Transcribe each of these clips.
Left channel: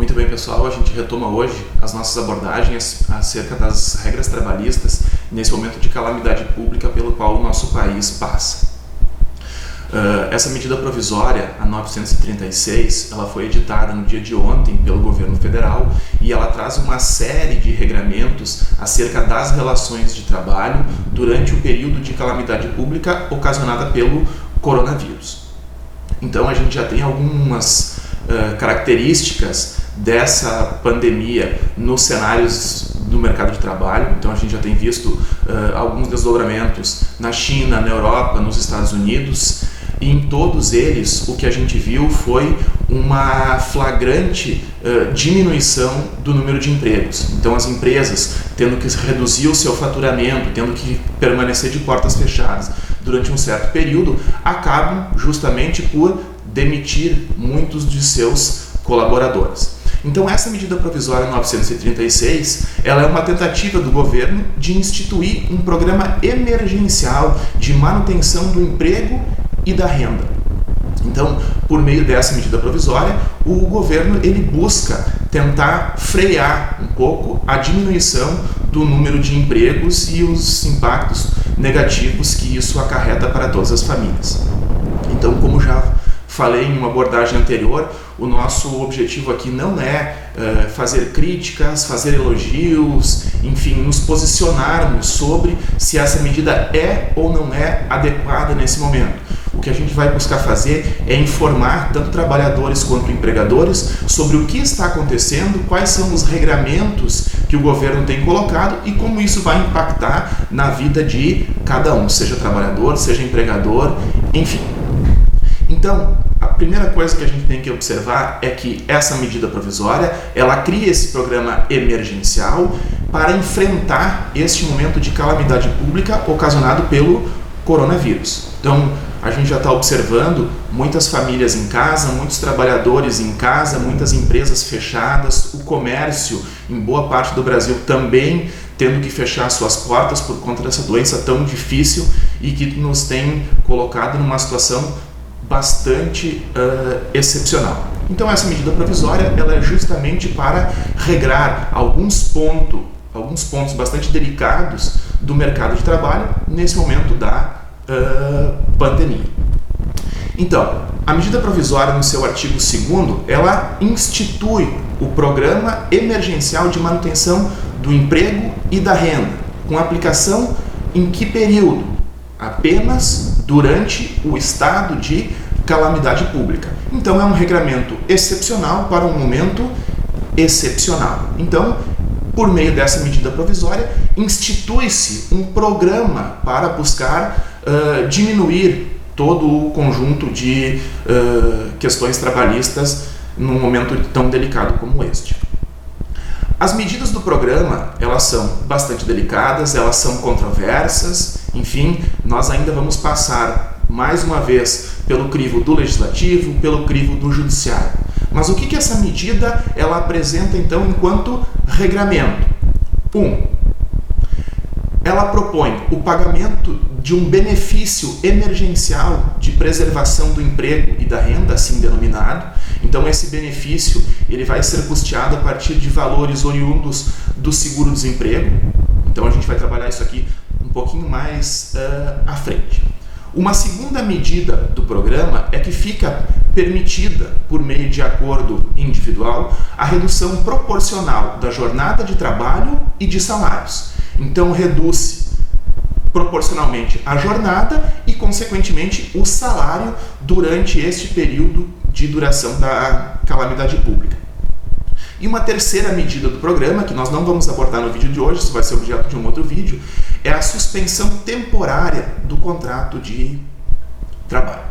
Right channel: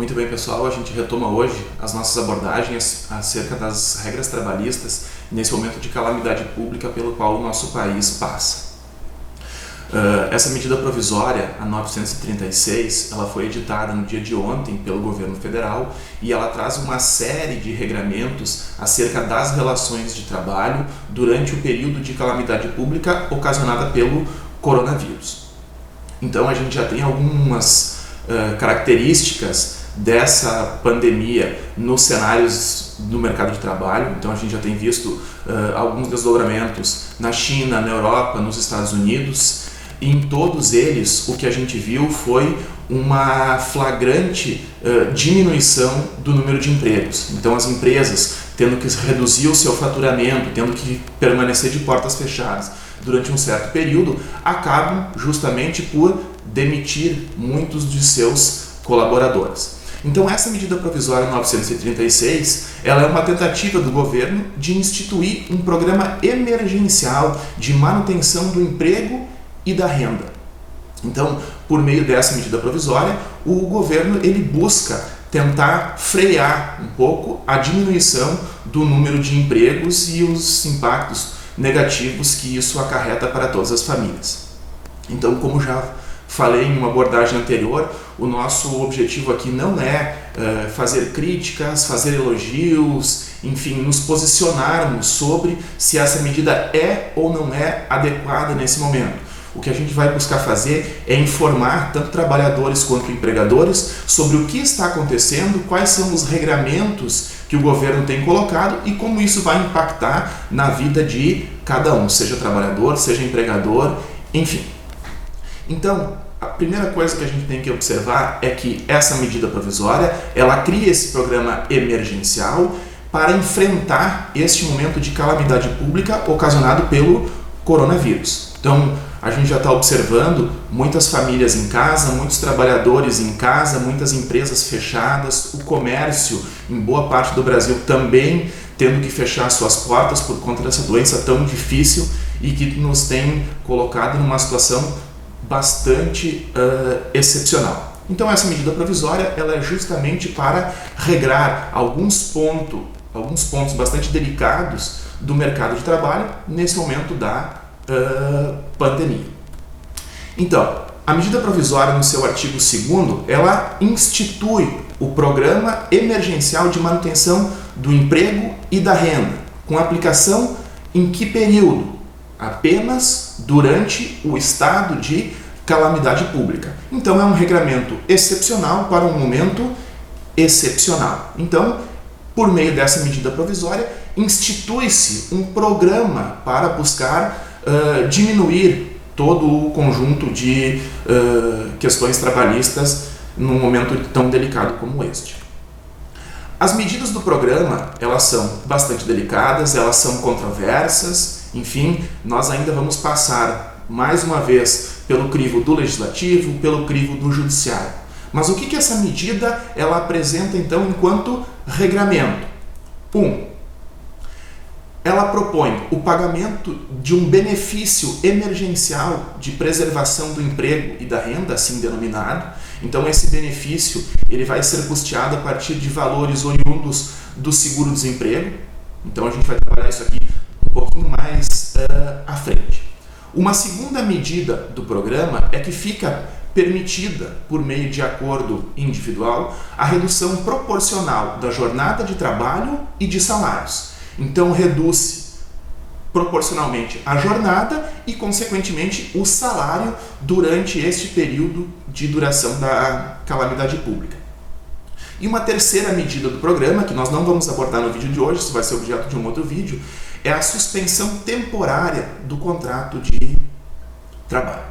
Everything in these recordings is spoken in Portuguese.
Muito bem, pessoal, a gente retoma hoje as nossas abordagens acerca das regras trabalhistas nesse momento de calamidade pública pelo qual o nosso país passa. Essa medida provisória, a 936, ela foi editada no dia de ontem pelo governo federal e ela traz uma série de regramentos acerca das relações de trabalho durante o período de calamidade pública ocasionada pelo coronavírus. Então a gente já tem algumas características dessa pandemia nos cenários do mercado de trabalho. Então a gente já tem visto alguns desdobramentos na China, na Europa, nos Estados Unidos, e em todos eles o que a gente viu foi uma flagrante diminuição do número de empregos. Então as empresas tendo que reduzir o seu faturamento, tendo que permanecer de portas fechadas durante um certo período, acabam justamente por demitir muitos de seus colaboradores. Então essa medida provisória 936, ela é uma tentativa do governo de instituir um programa emergencial de manutenção do emprego e da renda. Então, por meio dessa medida provisória, o governo ele busca tentar frear um pouco a diminuição do número de empregos e os impactos negativos que isso acarreta para todas as famílias. Então, como já falei em uma abordagem anterior, o nosso objetivo aqui não é fazer críticas, fazer elogios, enfim, nos posicionarmos sobre se essa medida é ou não é adequada nesse momento. O que a gente vai buscar fazer é informar tanto trabalhadores quanto empregadores sobre o que está acontecendo, quais são os regramentos que o governo tem colocado e como isso vai impactar na vida de cada um, seja trabalhador, seja empregador, enfim. Então, a primeira coisa que a gente tem que observar é que essa medida provisória, ela cria esse programa emergencial para enfrentar este momento de calamidade pública ocasionado pelo coronavírus. Então, a gente já está observando muitas famílias em casa, muitos trabalhadores em casa, muitas empresas fechadas, o comércio em boa parte do Brasil também tendo que fechar suas portas por conta dessa doença tão difícil e que nos tem colocado numa situação bastante excepcional. Então essa medida provisória ela é justamente para regrar alguns pontos bastante delicados do mercado de trabalho nesse momento da pandemia. Então, a medida provisória no seu artigo 2º, ela institui o Programa Emergencial de Manutenção do Emprego e da Renda, com aplicação em que período? Apenas durante o estado de calamidade pública. Então é um regramento excepcional para um momento excepcional. Então, por meio dessa medida provisória, institui-se um programa para buscar diminuir todo o conjunto de questões trabalhistas num momento tão delicado como este. As medidas do programa, elas são bastante delicadas, elas são controversas, enfim, nós ainda vamos passar mais uma vez pelo crivo do legislativo, pelo crivo do judiciário. Mas o que essa medida ela apresenta então enquanto regramento? Ela propõe o pagamento de um benefício emergencial de preservação do emprego e da renda, assim denominado. Então esse benefício ele vai ser custeado a partir de valores oriundos do seguro-desemprego. Então a gente vai trabalhar isso aqui um pouquinho mais à frente. Uma segunda medida do programa é que fica permitida, por meio de acordo individual, a redução proporcional da jornada de trabalho e de salários. Então reduz proporcionalmente a jornada e, consequentemente, o salário durante este período de duração da calamidade pública. E uma terceira medida do programa, que nós não vamos abordar no vídeo de hoje, isso vai ser objeto de um outro vídeo, é a suspensão temporária do contrato de trabalho.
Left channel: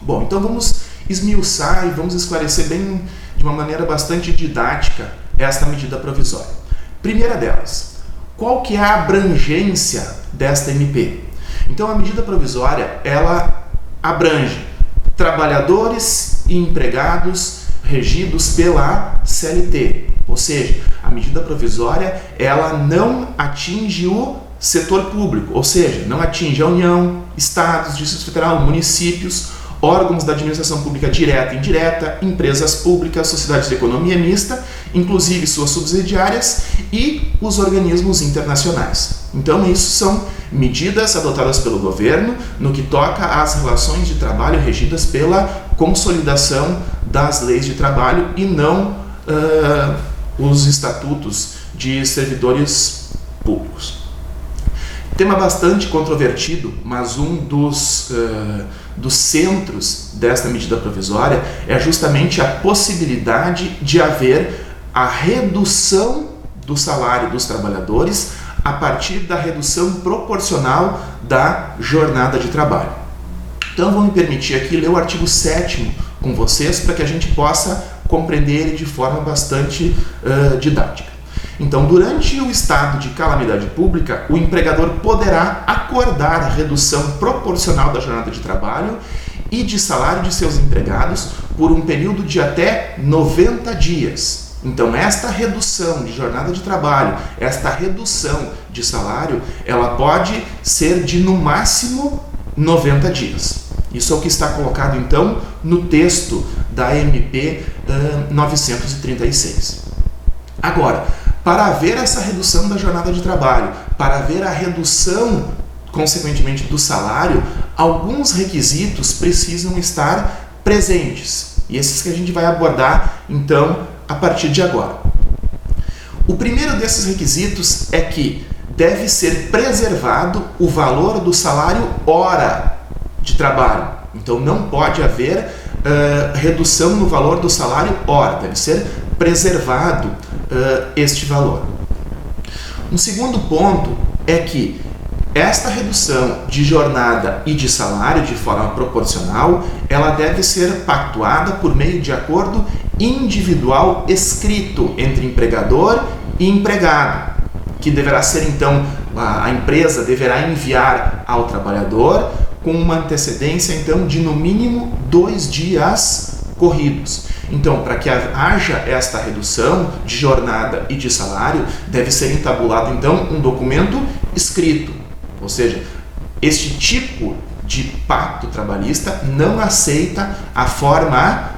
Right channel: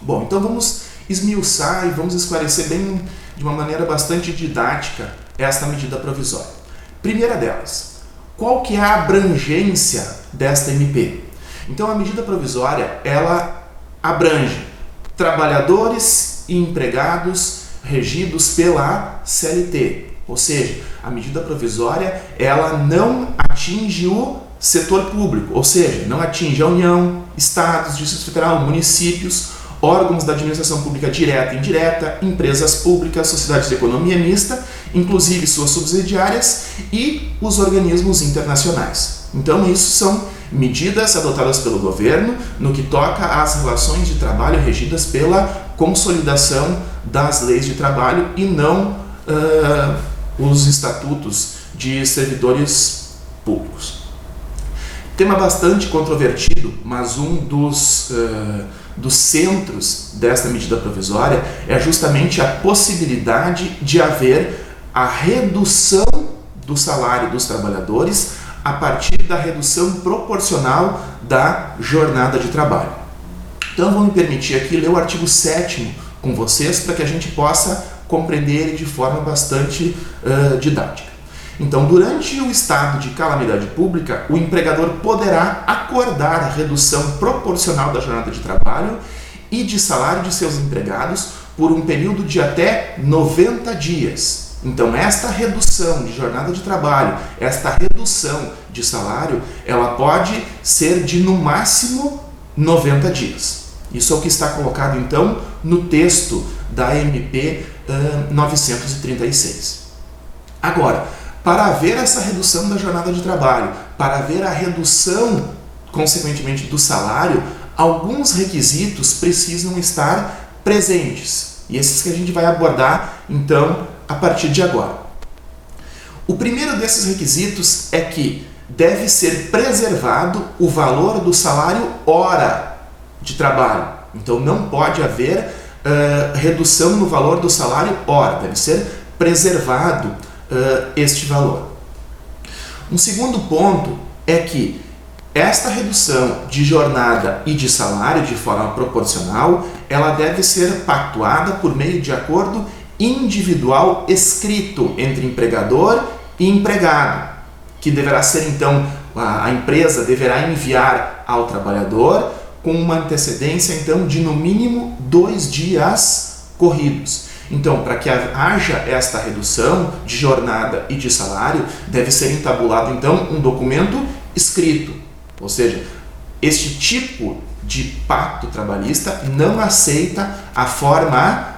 Bom, então vamos esmiuçar e vamos esclarecer bem, de uma maneira bastante didática, esta medida provisória. Primeira delas, qual que é a abrangência desta MP? Então a medida provisória, ela abrange trabalhadores e empregados regidos pela CLT, ou seja, a medida provisória ela não atinge o setor público, ou seja, não atinge a União, estados, Distrito Federal, municípios órgãos da administração pública direta e indireta, empresas públicas, sociedades de economia mista, inclusive suas subsidiárias, e os organismos internacionais. Então, isso são medidas adotadas pelo governo no que toca às relações de trabalho regidas pela consolidação das leis de trabalho e não os estatutos de servidores públicos. Tema bastante controvertido, mas um dos centros desta medida provisória é justamente a possibilidade de haver a redução do salário dos trabalhadores a partir da redução proporcional da jornada de trabalho. Então, vou me permitir aqui ler o artigo 7º com vocês para que a gente possa compreender ele de forma bastante didática. Então, durante o estado de calamidade pública, o empregador poderá acordar a redução proporcional da jornada de trabalho e de salário de seus empregados por um período de até 90 dias. Então, esta redução de jornada de trabalho, esta redução de salário, ela pode ser de, no máximo, 90 dias. Isso é o que está colocado, então, no texto da MP 936. Agora, para haver essa redução da jornada de trabalho, para haver a redução, consequentemente, do salário, alguns requisitos precisam estar presentes. E esses que a gente vai abordar, então, a partir de agora. O primeiro desses requisitos é que deve ser preservado o valor do salário hora de trabalho. Então, não pode haver redução no valor do salário hora, deve ser preservado este valor. Um segundo ponto é que esta redução de jornada e de salário de forma proporcional, ela deve ser pactuada por meio de acordo individual escrito entre empregador e empregado, que deverá ser, então, a empresa deverá enviar ao trabalhador com uma antecedência, então, de no mínimo 2 dias corridos. Então, para que haja esta redução de jornada e de salário, deve ser entabulado, então, um documento escrito. Ou seja, este tipo de pacto trabalhista não aceita a forma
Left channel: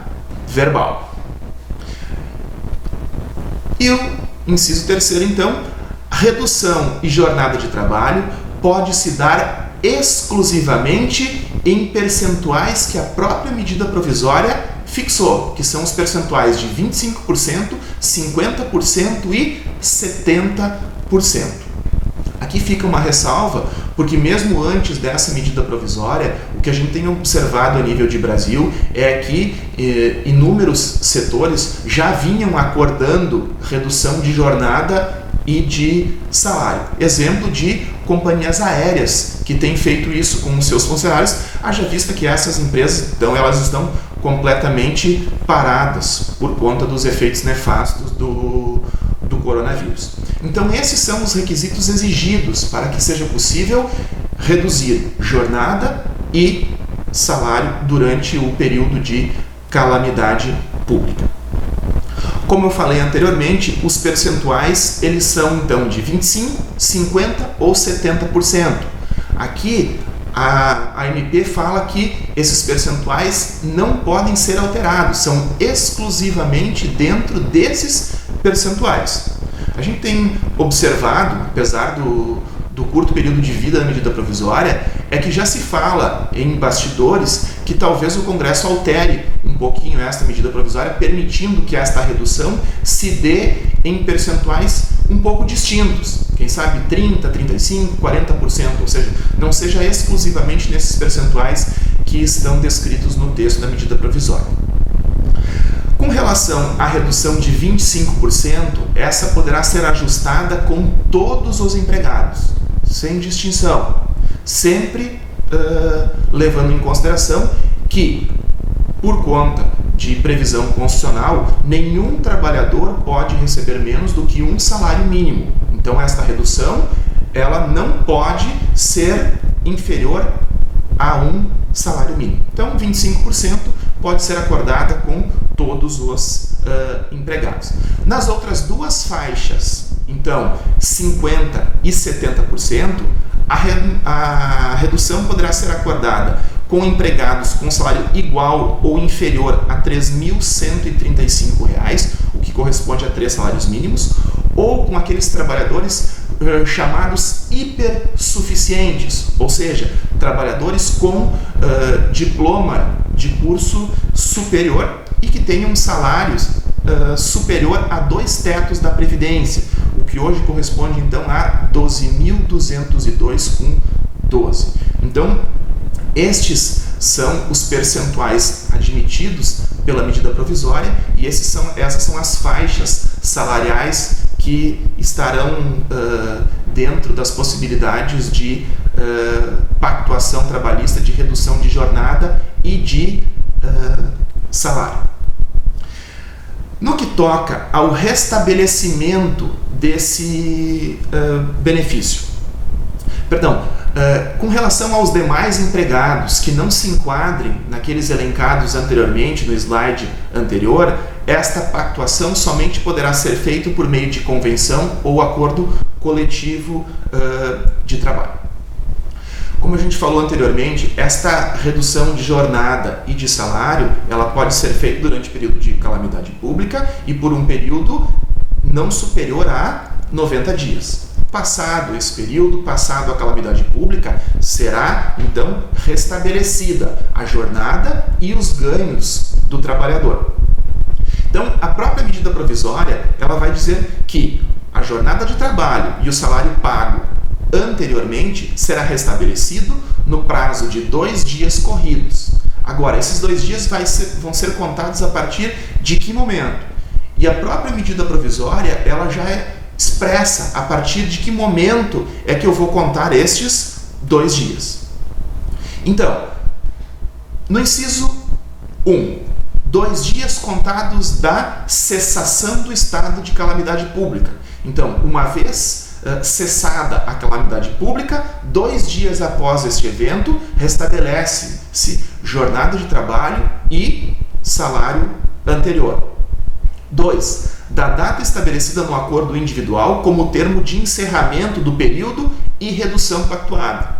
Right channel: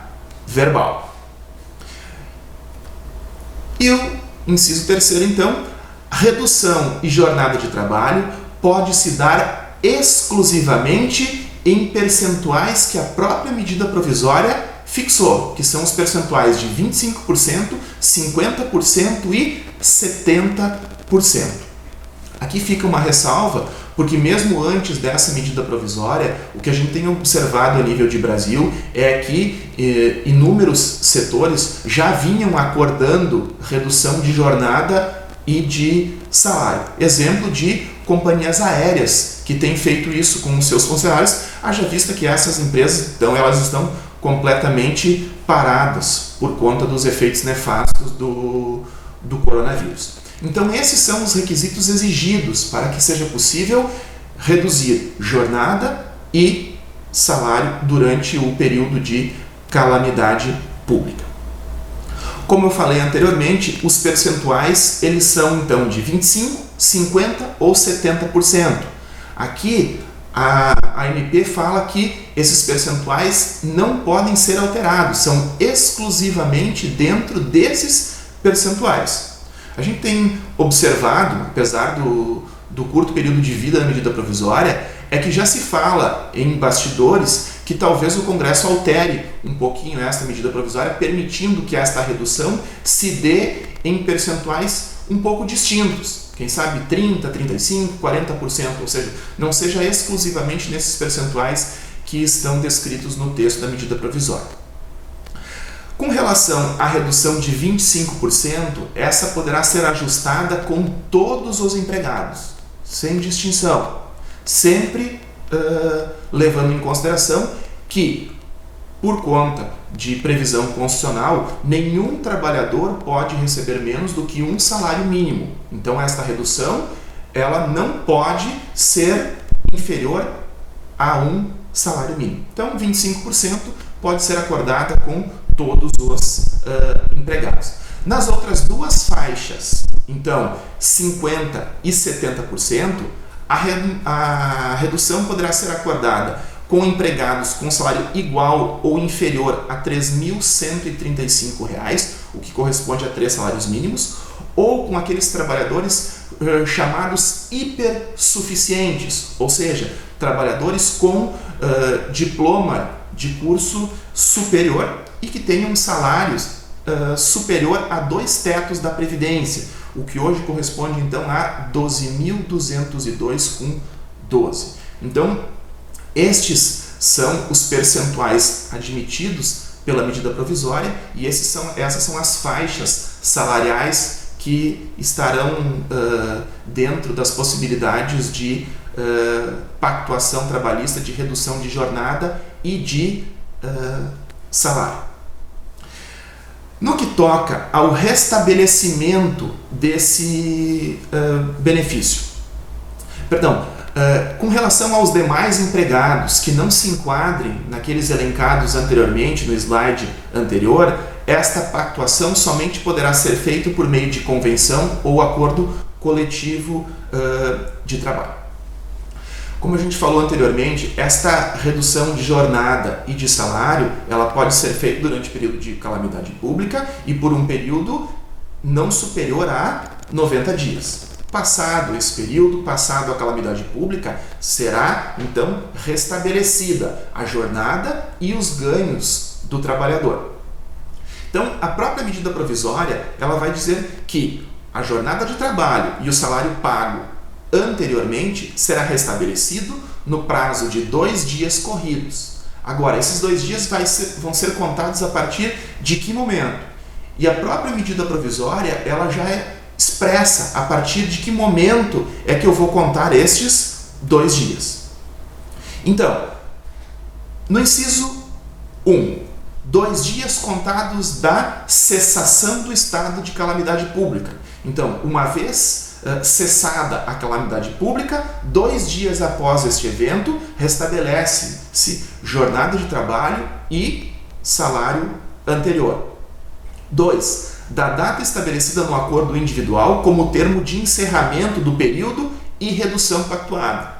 verbal. E o inciso terceiro, então, redução e jornada de trabalho pode se dar exclusivamente em percentuais que a própria medida provisória fixou, que são os percentuais de 25%, 50% e 70%. Aqui fica uma ressalva, porque mesmo antes dessa medida provisória, o que a gente tem observado a nível de Brasil é que inúmeros setores já vinham acordando redução de jornada e de salário. Exemplo de companhias aéreas que têm feito isso com os seus funcionários, haja vista que essas empresas, então, elas estão completamente paradas por conta dos efeitos nefastos do coronavírus. Então, esses são os requisitos exigidos para que seja possível reduzir jornada e salário durante o período de calamidade pública. Como eu falei anteriormente, os percentuais eles são então de 25%, 50% ou 70%. Aqui a MP fala que esses percentuais não podem ser alterados, são exclusivamente dentro desses percentuais. A gente tem observado, apesar do curto período de vida da medida provisória, é que já se fala em bastidores que talvez o Congresso altere um pouquinho esta medida provisória, permitindo que esta redução se dê em percentuais um pouco distintos. Quem sabe 30%, 35%, 40%, ou seja, não seja exclusivamente nesses percentuais que estão descritos no texto da medida provisória. Com relação à redução de 25%, essa poderá ser ajustada com todos os empregados, sem distinção, sempre levando em consideração que, por conta de previsão constitucional, nenhum trabalhador pode receber menos do que um salário mínimo. Então, esta redução ela não pode ser inferior a um salário mínimo. Então, 25% pode ser acordada com todos os empregados. Nas outras duas faixas, então 50% e 70%, a redução poderá ser acordada com empregados com salário igual ou inferior a R$ 3.135, o que corresponde a 3 salários mínimos, ou com aqueles trabalhadores chamados hipersuficientes, ou seja, trabalhadores com diploma de curso superior e que tenham salários superior a 2 tetos da Previdência, o que hoje corresponde então a 12.202,12. Então, estes são os percentuais admitidos pela medida provisória e essas são as faixas salariais que estarão dentro das possibilidades de pactuação trabalhista, de redução de jornada e de salário. No que toca ao restabelecimento desse benefício, com relação aos demais empregados que não se enquadrem naqueles elencados anteriormente no slide anterior, esta pactuação somente poderá ser feita por meio de convenção ou acordo coletivo de trabalho. Como a gente falou anteriormente, esta redução de jornada e de salário, ela pode ser feita durante o período de calamidade pública e por um período não superior a 90 dias. Passado esse período, passado a calamidade pública, será então restabelecida a jornada e os ganhos do trabalhador. Então, a própria medida provisória, ela vai dizer que a jornada de trabalho e o salário pago anteriormente será restabelecido no prazo de 2 dias corridos. Agora, esses 2 dias vão ser contados a partir de que momento? E a própria medida provisória, ela já expressa a partir de que momento é que eu vou contar estes 2 dias. Então, no inciso 1, 2 dias contados da cessação do estado de calamidade pública. Então, uma vez cessada a calamidade pública, 2 dias após este evento, restabelece-se jornada de trabalho e salário anterior. 2. Da data estabelecida no acordo individual como termo de encerramento do período e redução pactuada.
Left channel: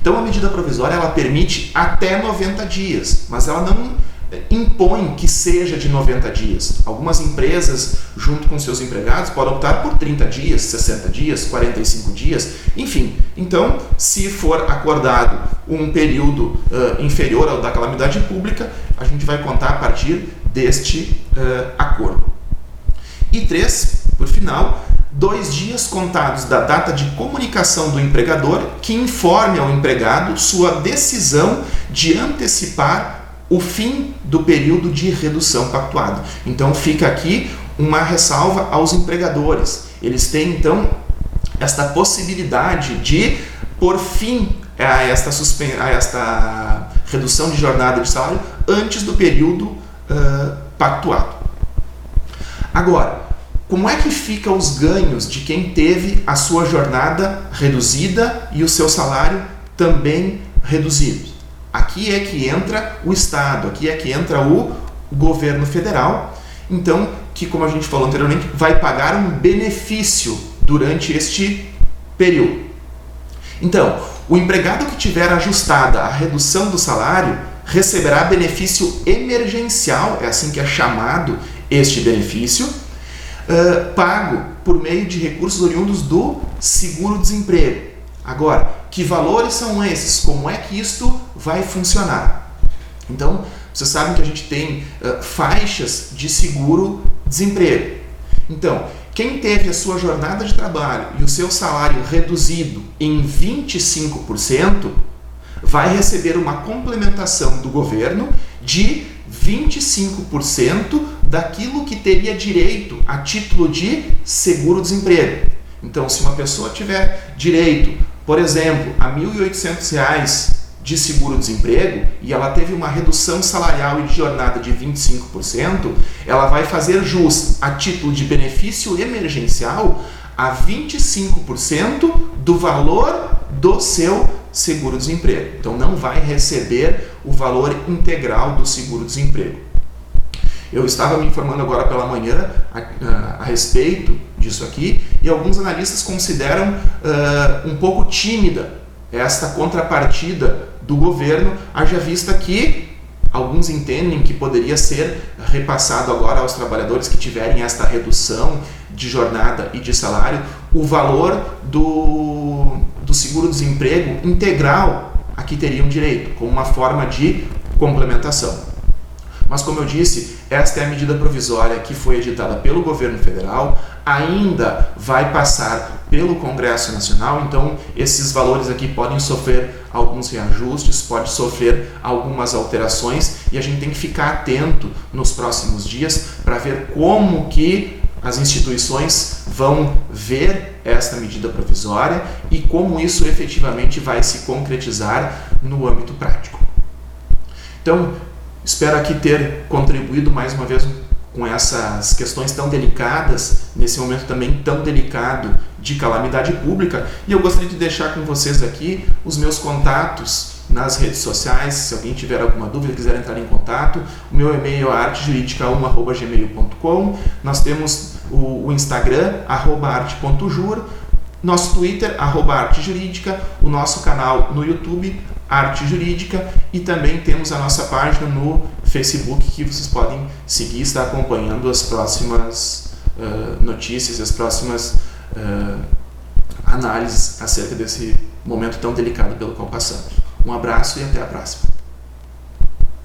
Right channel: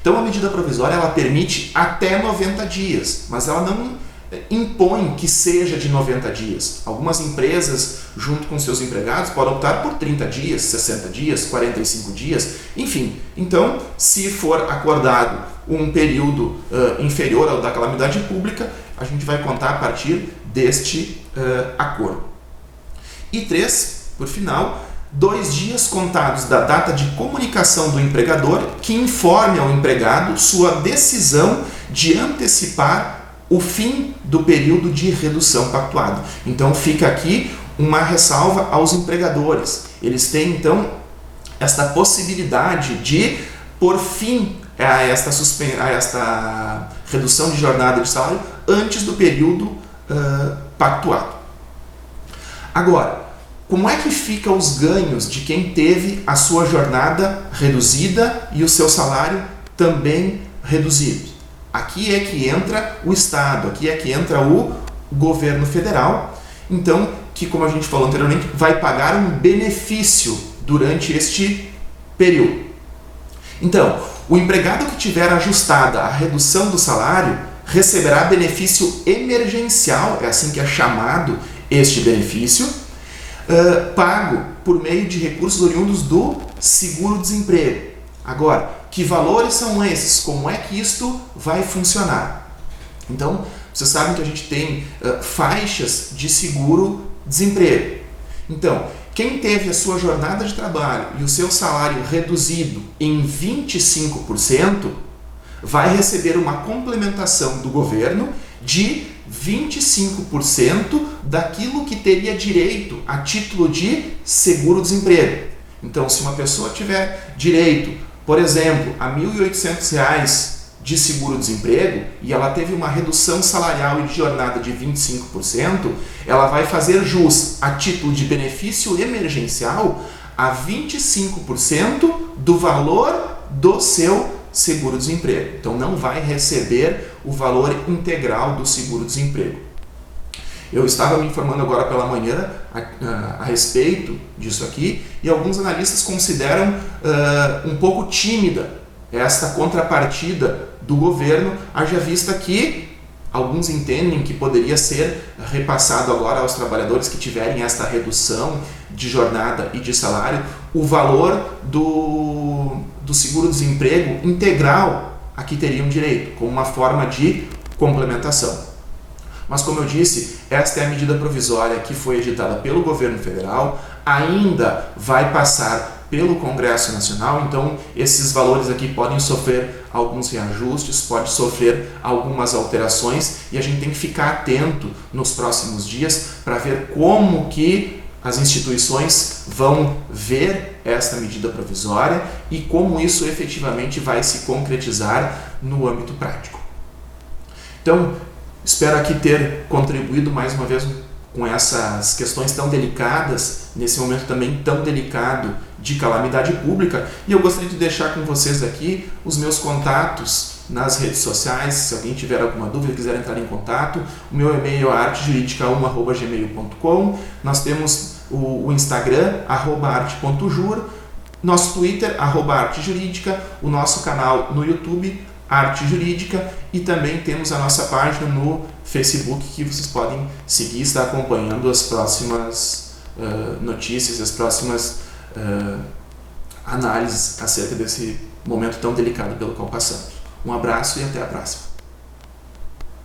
Então, a medida provisória ela permite até 90 dias, mas ela não impõe que seja de 90 dias. Algumas empresas, junto com seus empregados, podem optar por 30 dias, 60 dias, 45 dias, enfim. Então, se for acordado um período inferior ao da calamidade pública, a gente vai contar a partir deste acordo. E 3, por final, 2 dias contados da data de comunicação do empregador que informe ao empregado sua decisão de antecipar o fim do período de redução pactuado. Então fica aqui uma ressalva aos empregadores. Eles têm então esta possibilidade de pôr fim a esta redução de jornada de salário antes do período pactuado. Agora, como é que ficam os ganhos de quem teve a sua jornada reduzida e o seu salário também reduzido? Aqui é que entra o Estado, aqui é que entra o governo federal, então, que como a gente falou anteriormente, vai pagar um benefício durante este período. Então, o empregado que tiver ajustada a redução do salário receberá benefício emergencial, é assim que é chamado este benefício, pago por meio de recursos oriundos do seguro-desemprego. Agora, que valores são esses? Como é que isto vai funcionar? Então, vocês sabem que a gente tem faixas de seguro-desemprego. Então, quem teve a sua jornada de trabalho e o seu salário reduzido em 25%, vai receber uma complementação do governo de 25% daquilo que teria direito a título de seguro-desemprego. Então, se uma pessoa tiver direito, por exemplo, a R$ 1.800 de seguro-desemprego e ela teve uma redução salarial e de jornada de 25%, ela vai fazer jus a título de benefício emergencial a 25% do valor do seu seguro-desemprego. Então, não vai receber o valor integral do seguro-desemprego. Eu estava me informando agora pela manhã a respeito disso aqui e alguns analistas consideram um pouco tímida esta contrapartida do governo, haja vista que alguns entendem que poderia ser repassado agora aos trabalhadores que tiverem esta redução de jornada e de salário, o valor do seguro-desemprego integral a que teriam direito, como uma forma de complementação. Mas, como eu disse, esta é a medida provisória que foi editada pelo governo federal, ainda vai passar pelo Congresso Nacional, então esses valores aqui podem sofrer alguns reajustes, pode sofrer algumas alterações, e a gente tem que ficar atento nos próximos dias para ver como que as instituições vão ver esta medida provisória e como isso efetivamente vai se concretizar no âmbito prático. Então, espero aqui ter contribuído mais uma vez com essas questões tão delicadas, nesse momento também tão delicado de calamidade pública, e eu gostaria de deixar com vocês aqui os meus contatos nas redes sociais. Se alguém tiver alguma dúvida, quiser entrar em contato, o meu e-mail é artejuridica1@gmail.com, nós temos o Instagram, @arte.jur, nosso Twitter, @artejurídica, o nosso canal no YouTube, Arte Jurídica, e também temos a nossa página no Facebook que vocês podem seguir e estar acompanhando as próximas notícias, as próximas análises acerca desse momento tão delicado pelo qual passamos. Um abraço e até a próxima.